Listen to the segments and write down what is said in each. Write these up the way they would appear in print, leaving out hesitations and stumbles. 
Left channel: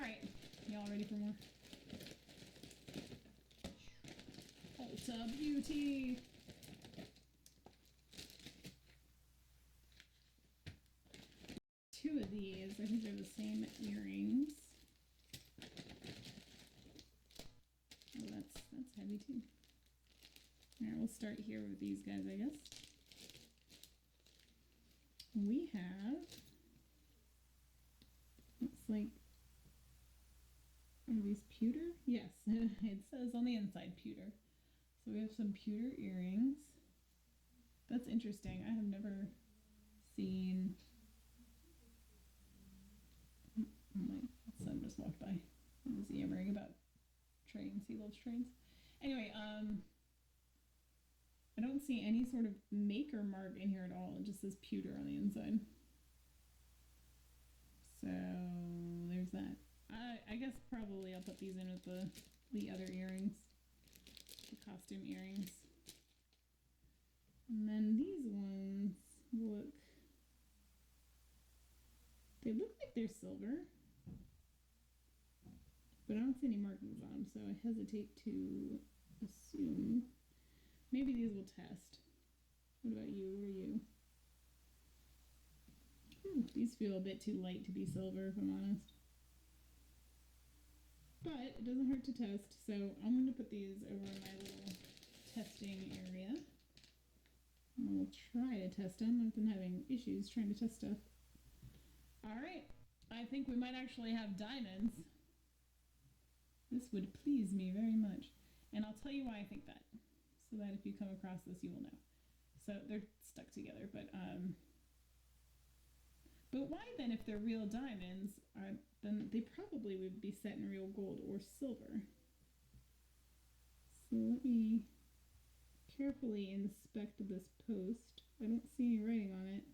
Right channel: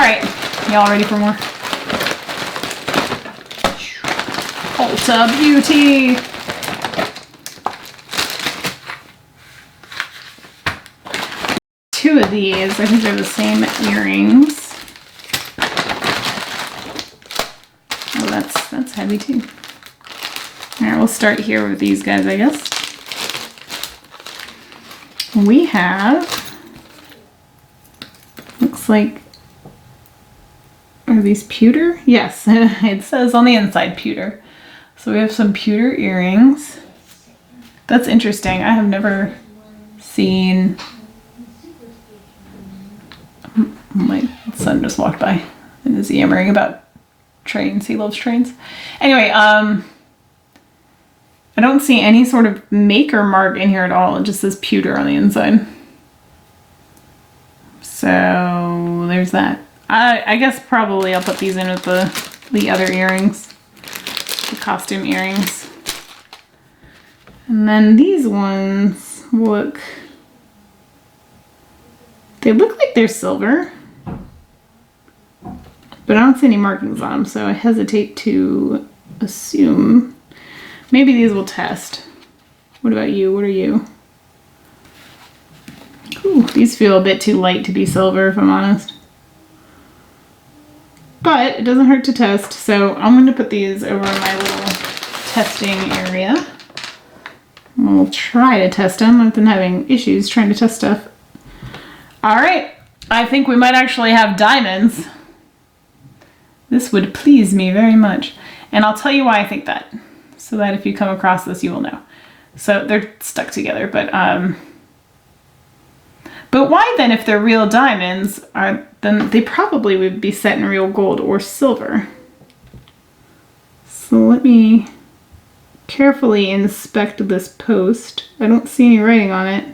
right, y'all ready for more? Ulta Beauty. Two of these, I think they're the same earrings. Oh, that's heavy too. All right, we'll start here with these guys, I guess. We have, looks like, are these pewter? Yes, it says on the inside pewter. So we have some pewter earrings. That's interesting. I have never seen, my son just walked by and is yammering about trains. He loves trains. Anyway, I don't see any sort of maker mark in here at all. It just says pewter on the inside. So there's that. I guess probably I'll put these in with the other earrings, the costume earrings. And then these ones look, they look like they're silver, but I don't see any markings on them, so I hesitate to assume. Maybe these will test. What about you? What are you? Ooh, these feel a bit too light to be silver, if I'm honest. But it doesn't hurt to test, so I'm going to put these over in my little testing area. We'll try to test them. I've been having issues trying to test stuff. All right, I think we might actually have diamonds. This would please me very much. And I'll tell you why I think that, so that if you come across this, you will know. So they're stuck together, but why then, if they're real diamonds, then they probably would be set in real gold or silver. So let me carefully inspect this post. I don't see any writing on it.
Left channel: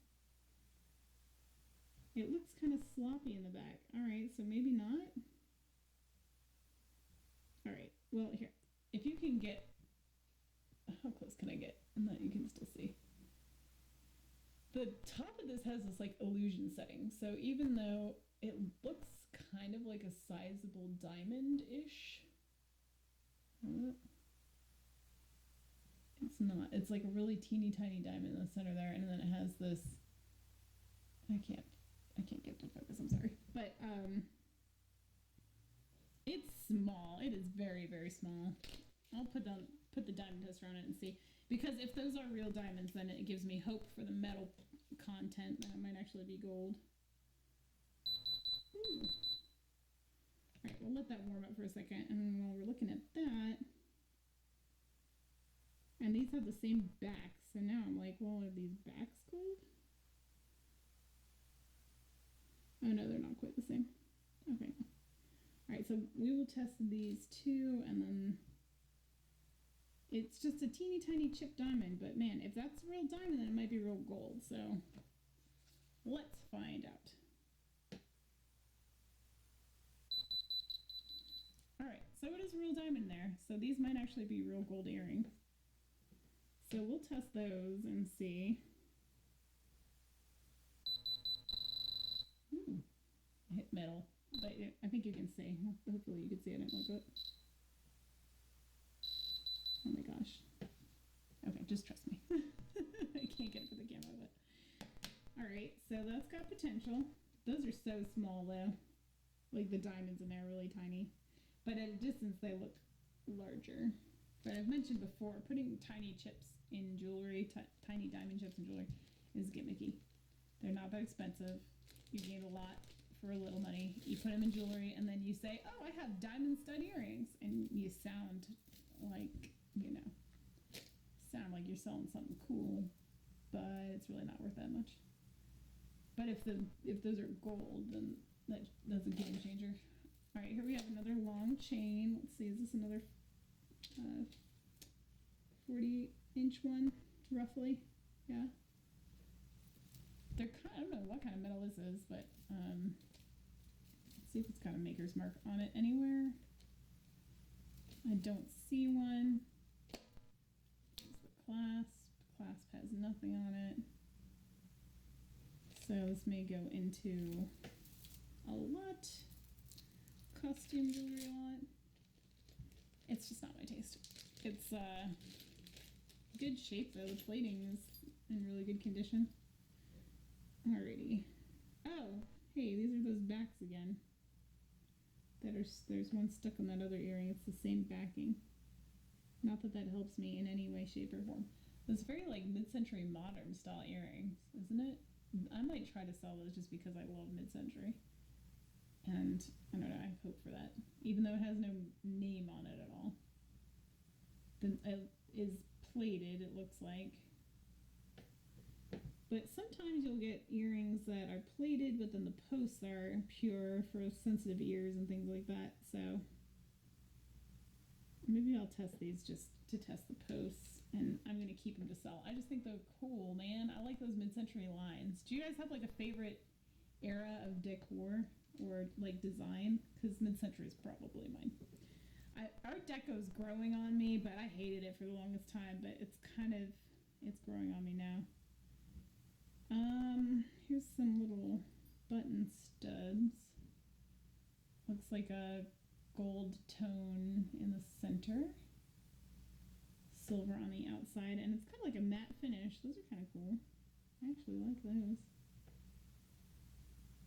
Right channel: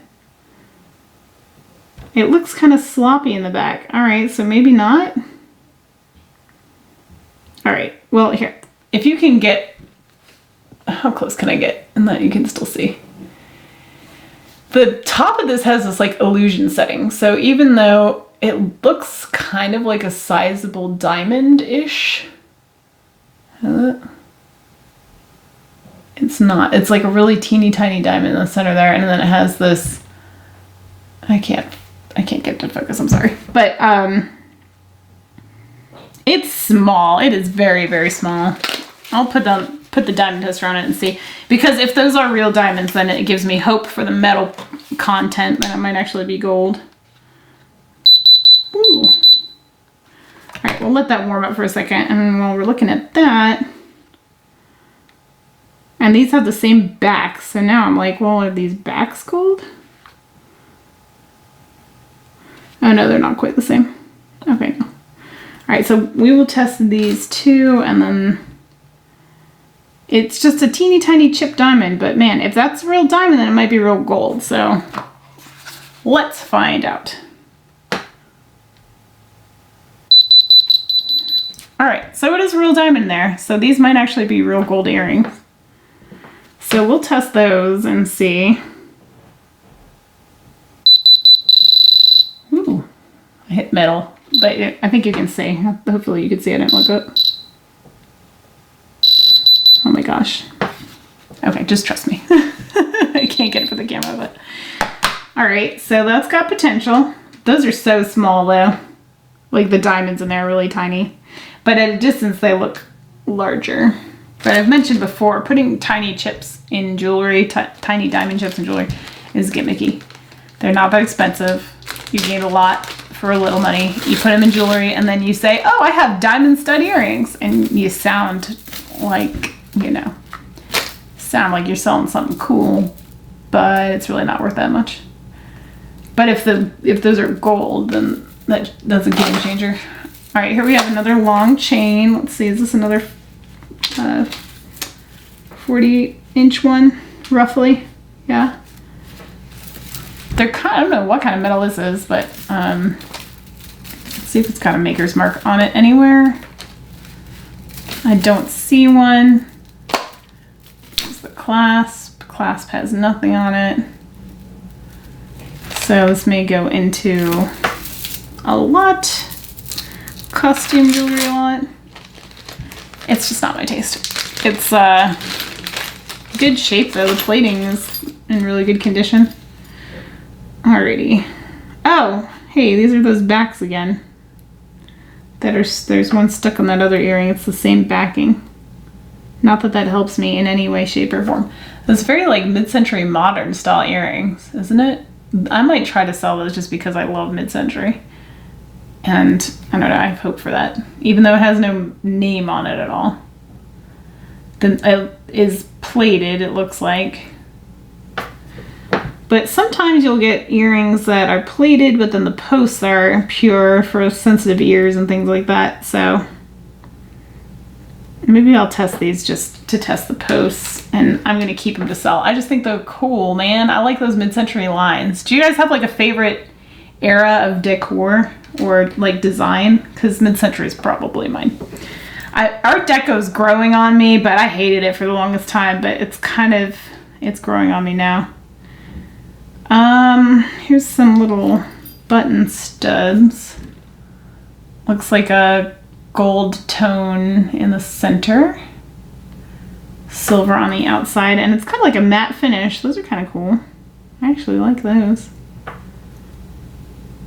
It looks kind of sloppy in the back. All right, so maybe not. All right, well, here, if you can get, how close can I get and that you can still see? The top of this has this like illusion setting. So even though it looks kind of like a sizable diamond-ish, it's not. It's like a really teeny tiny diamond in the center there, and then it has this, I can't get it to focus, I'm sorry. But it's small. It is very, very small. I'll put the diamond tester on it and see. Because if those are real diamonds, then it gives me hope for the metal content that it might actually be gold. Ooh. All right, we'll let that warm up for a second. And while we're looking at that, and these have the same backs. So now I'm like, well, are these backs gold? Oh no, they're not quite the same. Okay, no. All right, so we will test these two, and then it's just a teeny tiny chip diamond, but man, if that's real diamond, then it might be real gold. So let's find out. All right, so it is real diamond there. So these might actually be real gold earrings. So we'll test those and see. Ooh, I hit metal, but I think you can see. Hopefully you can see. I didn't look up. Oh my gosh. Okay, just trust me. I can't get it for the camera, but. All right, so that's got potential. Those are so small though. Like the diamonds in there are really tiny. But at a distance they look larger. But I've mentioned before, putting tiny chips in jewelry, tiny diamond chips in jewelry is gimmicky. They're not that expensive. You gain a lot for a little money. You put them in jewelry and then you say, oh, I have diamond stud earrings. And you sound like, you know, you're selling something cool, but it's really not worth that much. But if those are gold, then that's a game changer. All right, here we have another long chain. Let's see, is this another 40-inch one, roughly? Yeah. They're I don't know what kind of metal this is, but let's see if it's got a maker's mark on it anywhere. I don't see one. There's the clasp. Clasp has nothing on it. So this may go into a lot costume jewelry a lot. It's just not my taste. It's good shape though. The plating is in really good condition. Alrighty. Oh, hey, these are those backs again. There's one stuck on that other earring. It's the same backing. Not that that helps me in any way, shape, or form. It's very like mid-century modern style earrings, isn't it? I might try to sell those just because I love mid-century. And I don't know, I have hope for that. Even though it has no name on it at all. It is plated, it looks like. But sometimes you'll get earrings that are plated, but then the posts are pure for sensitive ears and things like that. So maybe I'll test these just to test the posts, and I'm going to keep them to sell. I just think they're cool, man. I like those mid-century lines. Do you guys have like a favorite era of decor or like design? Because mid-century is probably mine. Art Deco's growing on me, but I hated it for the longest time, but it's growing on me now. Here's some little button studs. Looks like a gold tone in the center. Silver on the outside, and it's kind of like a matte finish. Those are kind of cool. I actually like those.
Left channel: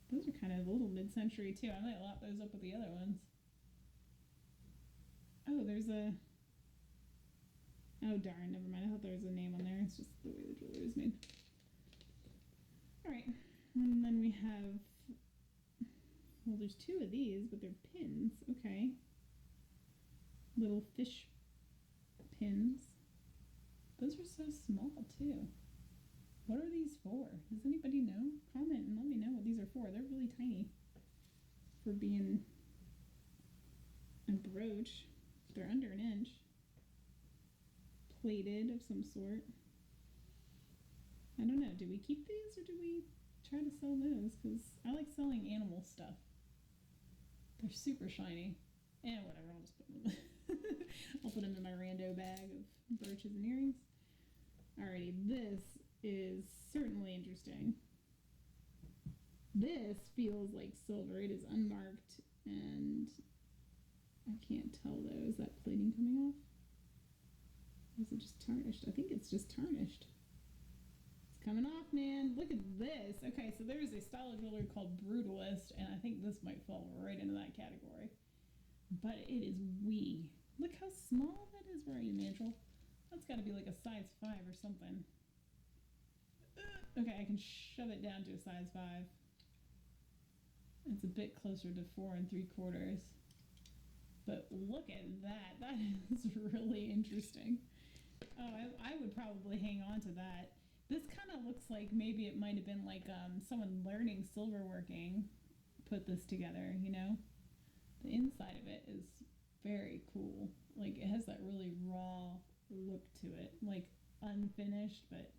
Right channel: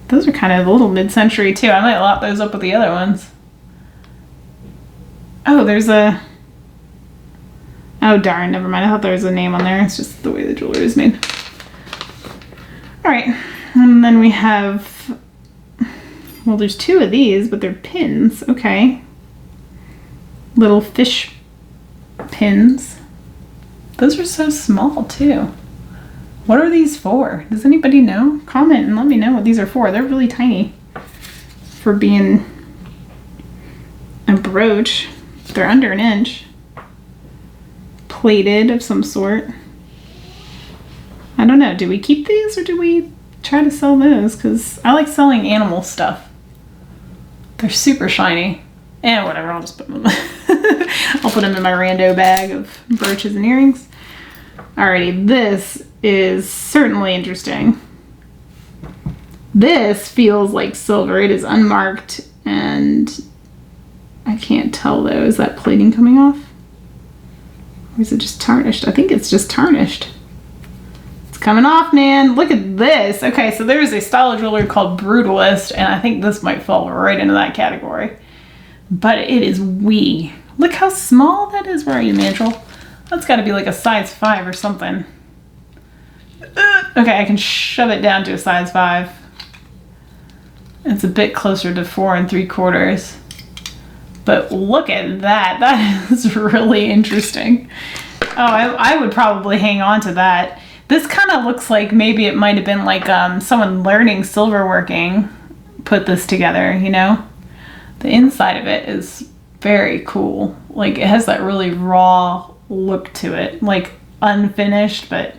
Those are kind of a little mid-century too. I might lop those up with the other ones. Oh, there's a... Oh darn, never mind. I thought there was a name on there. It's just the way the jewelry is made. Alright, and then we have... Well, there's two of these, but they're pins. Okay. Little fish pins. Those are so small too. What are these for? Does anybody know? Comment and let me know what these are for. They're really tiny for being a brooch. They're under an inch. Plated of some sort. I don't know. Do we keep these or do we try to sell those? Because I like selling animal stuff. They're super shiny. And whatever, I'll just put them I'll put them in my rando bag of brooches and earrings. Alrighty, this is certainly interesting. This feels like silver. It is unmarked and I can't tell though. Is that plating coming off? Or is it just tarnished? I think it's just tarnished. It's coming off, man. Look at this. Okay, so there's a style of jewelry called Brutalist, and I think this might fall right into that category. But it is wee. Look how small that is. Where are you, Mandrill? That's got to be like a size 5 or something. Okay, I can shove it down to a size 5. It's a bit closer to 4 3/4. But look at that. That is really interesting. Oh, I would probably hang on to that. This kind of looks like maybe it might have been like someone learning silverworking put this together, you know? The inside of it is very cool. Like it has that really raw look to it, like unfinished, but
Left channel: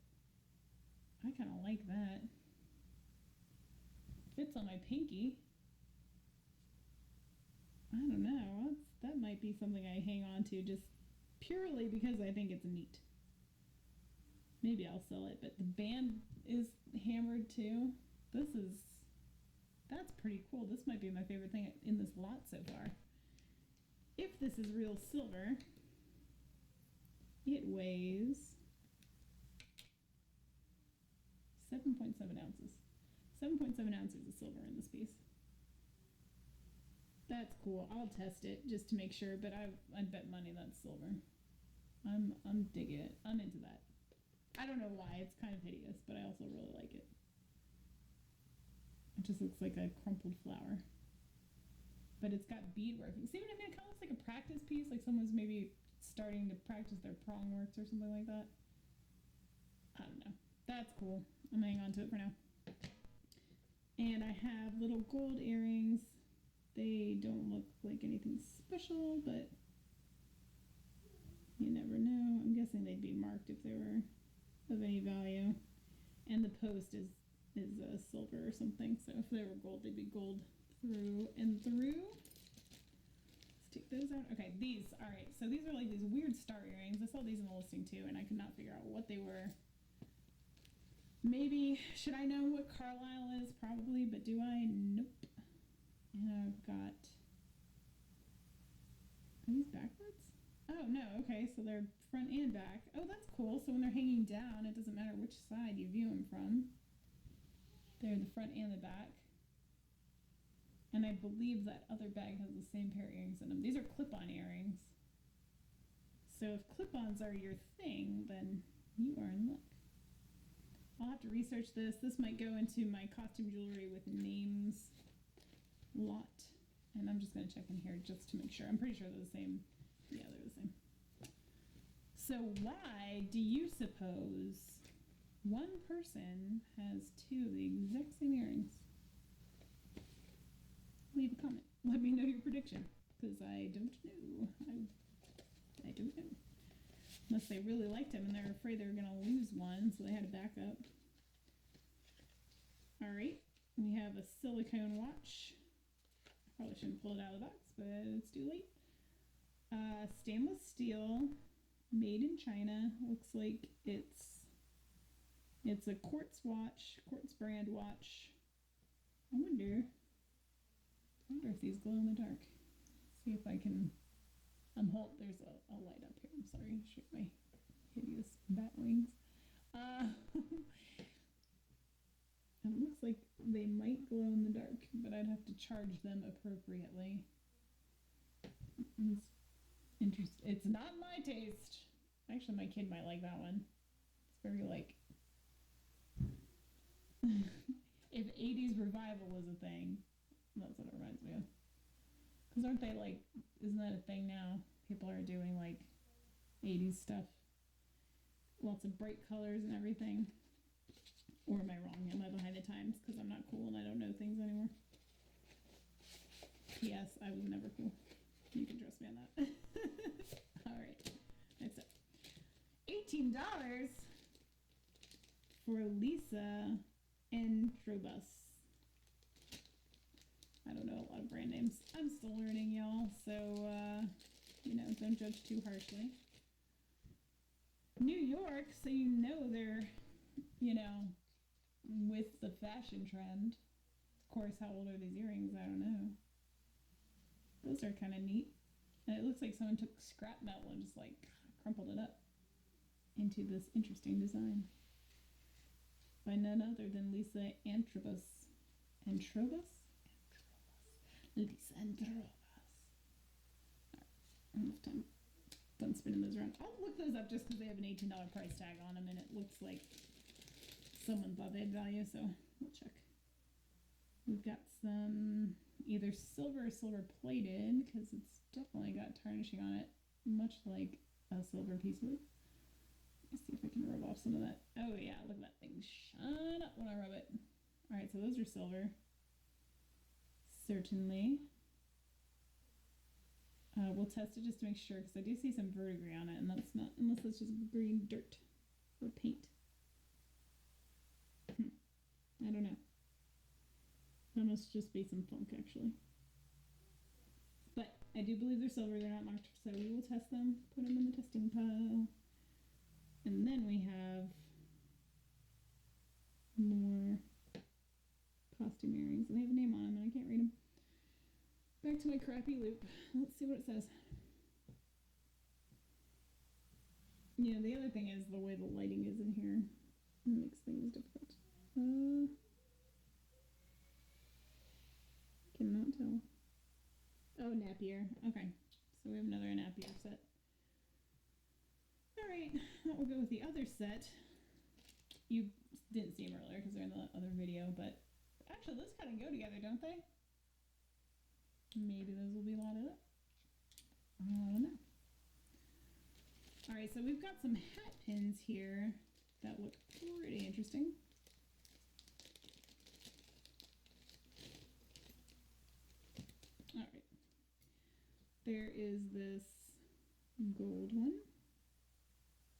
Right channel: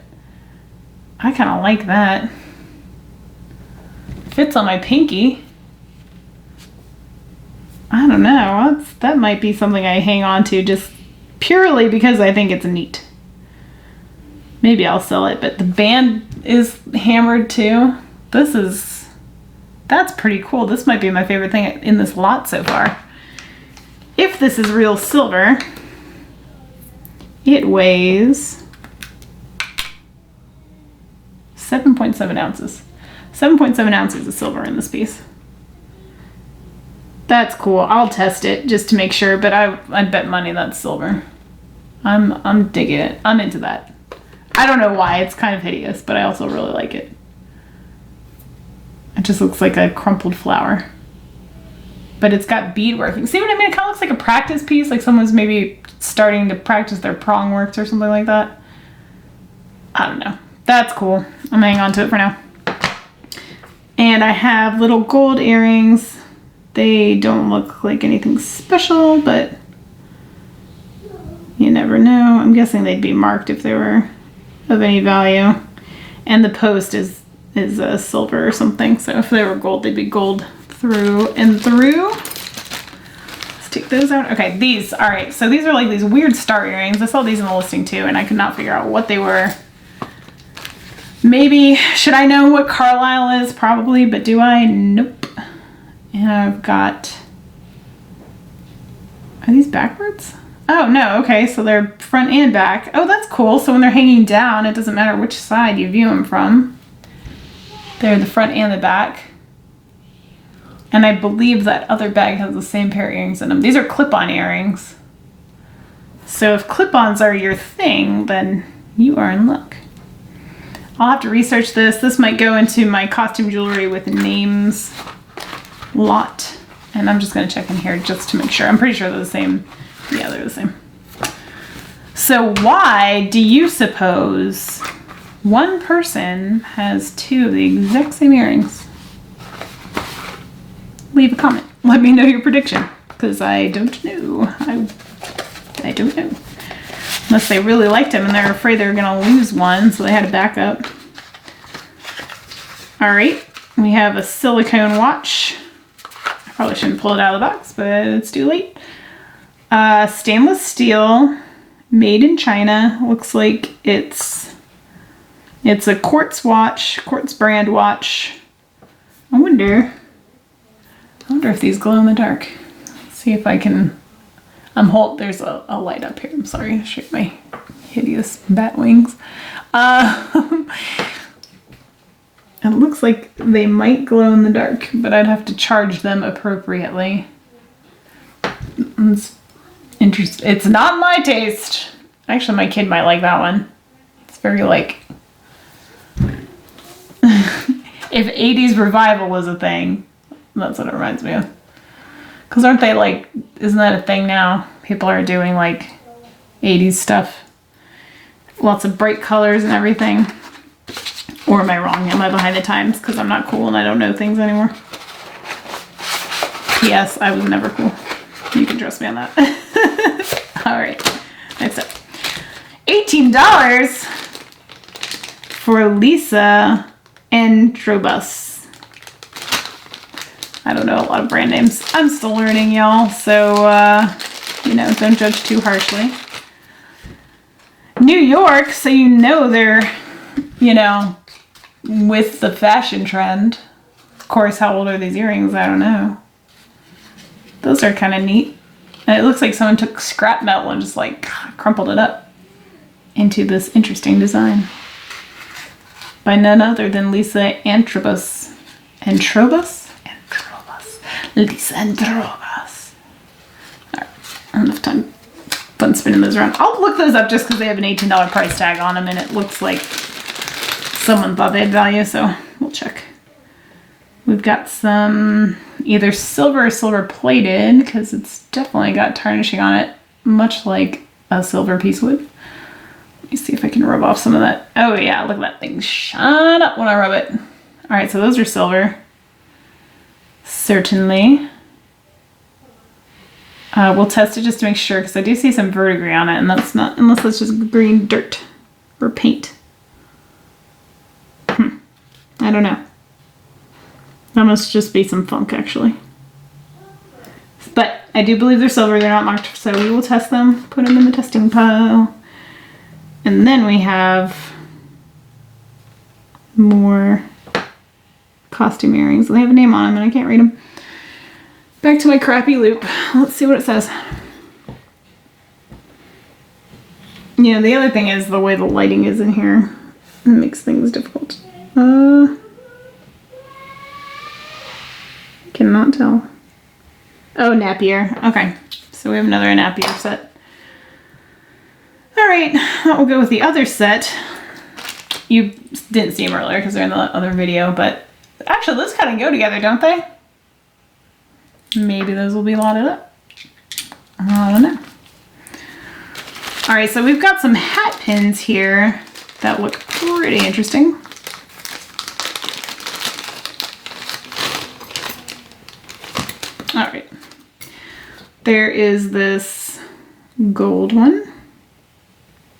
I kind of like that. Fits on my pinky. I don't know. That might be something I hang on to just purely because I think it's neat. Maybe I'll sell it, but the band is hammered too. That's pretty cool. This might be my favorite thing in this lot so far. If this is real silver, it weighs 7.7 ounces. 7.7 ounces of silver in this piece. That's cool. I'll test it just to make sure, but I'd bet money that's silver. I'm digging it. I'm into that. I don't know why. It's kind of hideous, but I also really like it. It just looks like a crumpled flower. But it's got beadworking. See what I mean? It kind of looks like a practice piece, like someone's maybe starting to practice their prong works or something like that. I don't know. That's cool. I'm hanging on to it for now. And I have little gold earrings. They don't look like anything special, but you never know. I'm guessing they'd be marked if they were of any value. And the post is silver or something, so if they were gold, they'd be gold through and through. Let's take those out. Okay, these, all right, so these are like these weird star earrings. I saw these in the listing too, and I could not figure out what they were. Maybe, should I know what Carlisle is? Probably, but do I? Nope. And I've got Are these backwards? Oh, no. Okay, so they're front and back. Oh, that's cool. So when they're hanging down, it doesn't matter which side you view them from. They're the front and the back. And I believe that other bag has the same pair of earrings in them. These are clip-on earrings. So if clip-ons are your thing, then you are in luck. I'll have to research this. This might go into my costume jewelry with names lot. And I'm just going to check in here just to make sure. I'm pretty sure they're the same. Yeah, they're the same. So why do you suppose one person has two of the exact same earrings? Leave a comment. Let me know your prediction, because I don't know. I don't know. Unless they really liked him and they're afraid they're going to lose one, so they had a backup. All right, we have a silicone watch. I probably shouldn't pull it out of the box, but it's too late. Stainless steel, made in China. Looks like it's a quartz watch, quartz brand watch. I wonder if these glow in the dark. Let's see if I can. There's a light up here. I'm sorry, I shake my hideous bat wings. It looks like they might glow in the dark, but I'd have to charge them appropriately. It's interesting. It's not my taste. Actually, my kid might like that one. It's very like, if 80s revival was a thing, that's what it reminds me of. Because aren't they like, isn't that a thing now? People are doing like 80s stuff. Lots of bright colors and everything. Or am I wrong? Am I behind the times? Because I'm not cool and I don't know things anymore. P.S. I was never cool. You can trust me on that. All right. Next up. $18 for Lisa Androbus. I don't know a lot of brand names. I'm still learning, y'all. So, don't judge too harshly. New York, so they're, with the fashion trend. Of course, how old are these earrings? I don't know. Those are kind of neat. And it looks like someone took scrap metal and just like crumpled it up into this interesting design. By none other than Lisa Androbus. Androbus? Androbus. Lisa Androbus. Alright, enough time. Fun spinning those around. I'll look those up just because they have an $18 price tag on them and it looks like someone thought they had value, so we'll check. We've got some either silver or silver plated because it's definitely got tarnishing on it, much like a silver piece would. Let me see if I can rub off some of that. Oh yeah, look at that thing shine up when I rub it. All right, so those are silver. Certainly. We'll test it just to make sure because I do see some verdigris on it and that's not, unless it's just green dirt or paint. I don't know. That must just be some funk, actually. But I do believe they're silver. They're not marked, so we will test them. Put them in the testing pile. And then we have more costume earrings. They have a name on them, and I can't read them. Back to my crappy loop. Let's see what it says. The other thing is the way the lighting is in here. It makes things difficult. Cannot tell. Oh, Napier. Okay. So we have another Napier set. All right. That will go with the other set. You didn't see them earlier because they're in the other video, but actually those kind of go together, don't they? Maybe those will be lotted up. I don't know. All right. So we've got some hat pins here that look pretty interesting. All right. There is this gold one.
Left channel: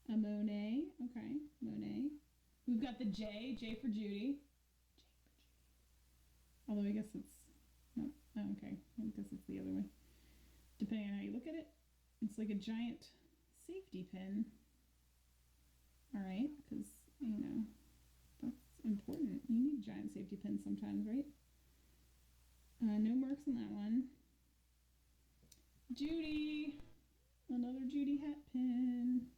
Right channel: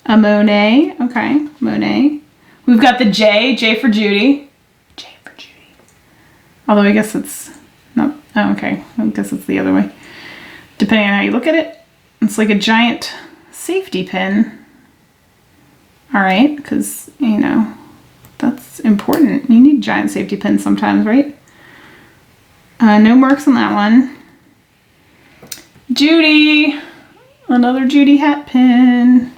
A Monet. Okay, Monet. We've got the J for Judy. J for Judy. Although I guess it's not, oh, okay. I guess it's the other way. Depending on how you look at it. It's like a giant safety pin. All right, because, that's important. You need giant safety pins sometimes, right? No marks on that one. Judy. Another Judy hat pin.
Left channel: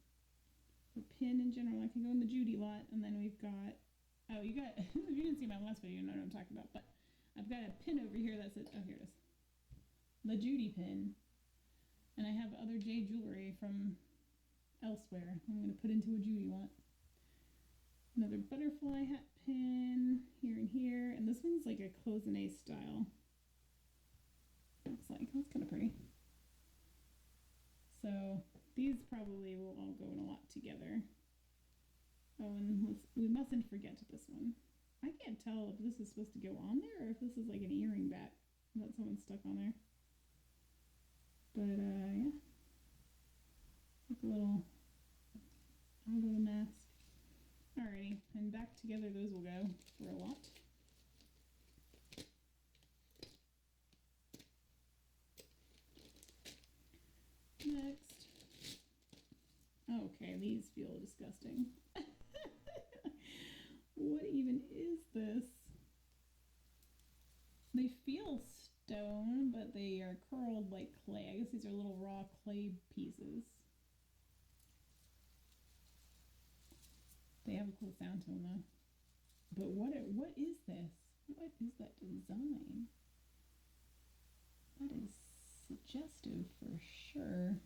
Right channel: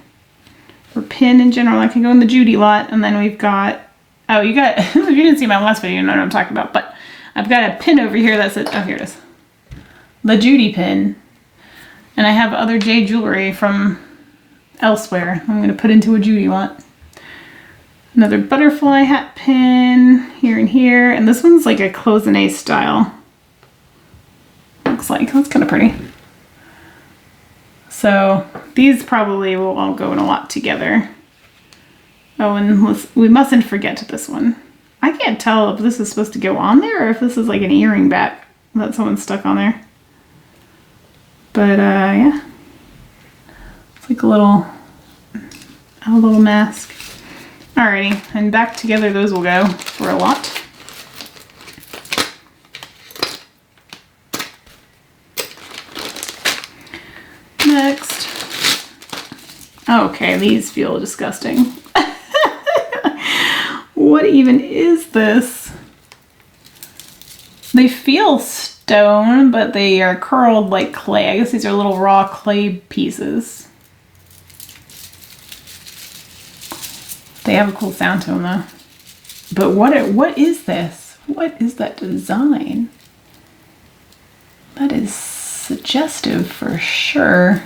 Or pin in general. I can go in the Judy lot. And then we've got, oh, you got, if you didn't see my last video, you know what I'm talking about. But I've got a pin over here that says, oh, here it is. The Judy pin. And I have other jade jewelry from elsewhere. I'm going to put into a Judy lot. Another butterfly hat pin here and here. And this one's like a cloisonne style. Looks like. That's kind of pretty. So these probably will all go in a lot together. Oh, and we mustn't forget this one. I can't tell if this is supposed to go on there or if this is like an earring back that someone stuck on there. But yeah. It's like a little mask. Alrighty, and back together those will go for a lot. Next. Okay, these feel disgusting. What even is this? They feel stone, but they are curled like clay. I guess these are little raw clay pieces. They have a cool sound to them though. But what is this? What is that design? That is suggestive for sure.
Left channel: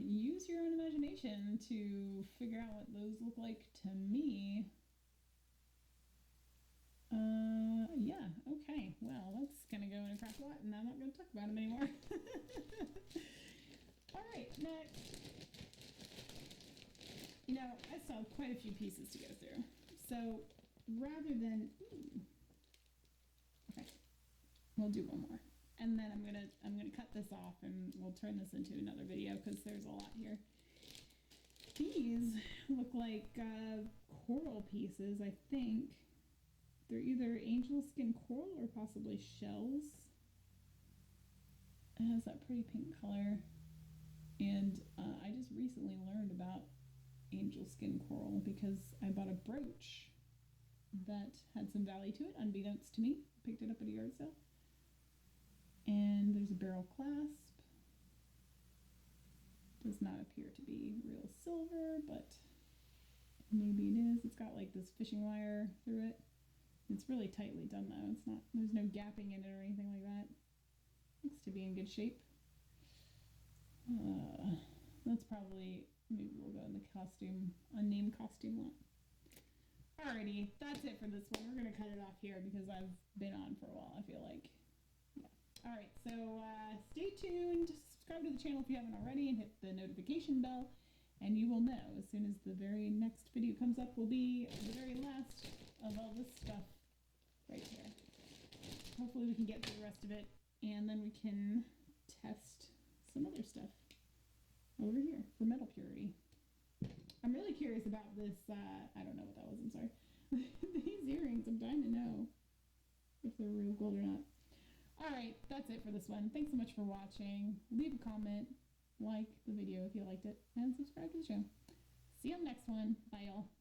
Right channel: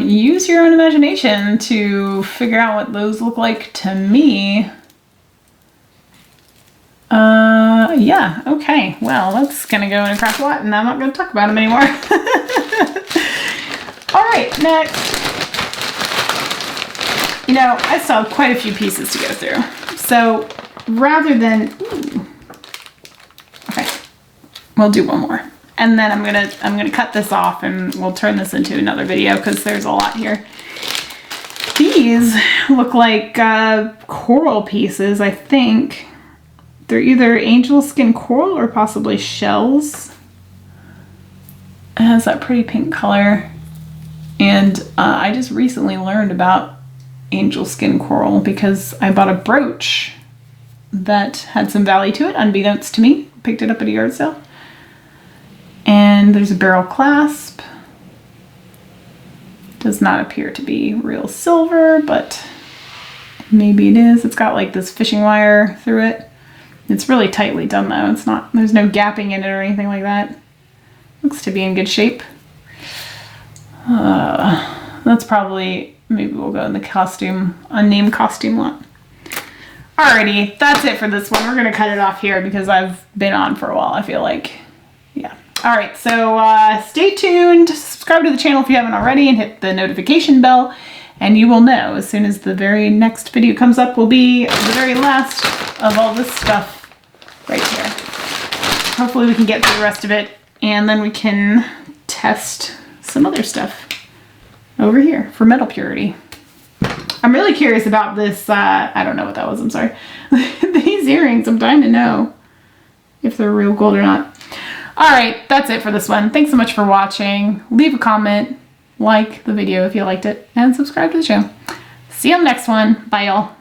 Use your own imagination to figure out what those look like to me. Yeah, okay. Well, that's gonna go in a craft lot and I'm not gonna talk about them anymore. All right, next. You know, I still have quite a few pieces to go through. So rather than, okay, we'll do one more. And then I'm gonna cut this off and we'll turn this into another video because there's a lot here. These look like coral pieces, I think. They're either angel skin coral or possibly shells. It has that pretty pink color. And I just recently learned about angel skin coral because I bought a brooch that had some value to it, unbeknownst to me. Picked it up at a yard sale. And there's a barrel clasp. Does not appear to be real silver, but maybe it is. It's got like this fishing wire through it. It's really tightly done though. It's not, there's no gapping in it or anything like that. Looks to be in good shape. That's probably, maybe we'll go in the costume, unnamed costume lot. Alrighty, that's it for this one. We're gonna cut it off here because I've been on for a while, I feel like. Yeah. Alright, so stay tuned, subscribe to the channel if you haven't already, and hit the notification bell, and you will know as soon as the very next video comes up will be the very last of all this stuff right here. Hopefully we can get through the rest of it, and then we can test some other stuff over here for metal purity. I'm really curious about this, I don't know what that was, I'm sorry. These earrings, I'm dying to know if they're real gold or not. Alright, that's it for this one. Thanks so much for watching. Leave a comment, like the video if you liked it, and subscribe to the channel. See you on the next one. Bye, y'all.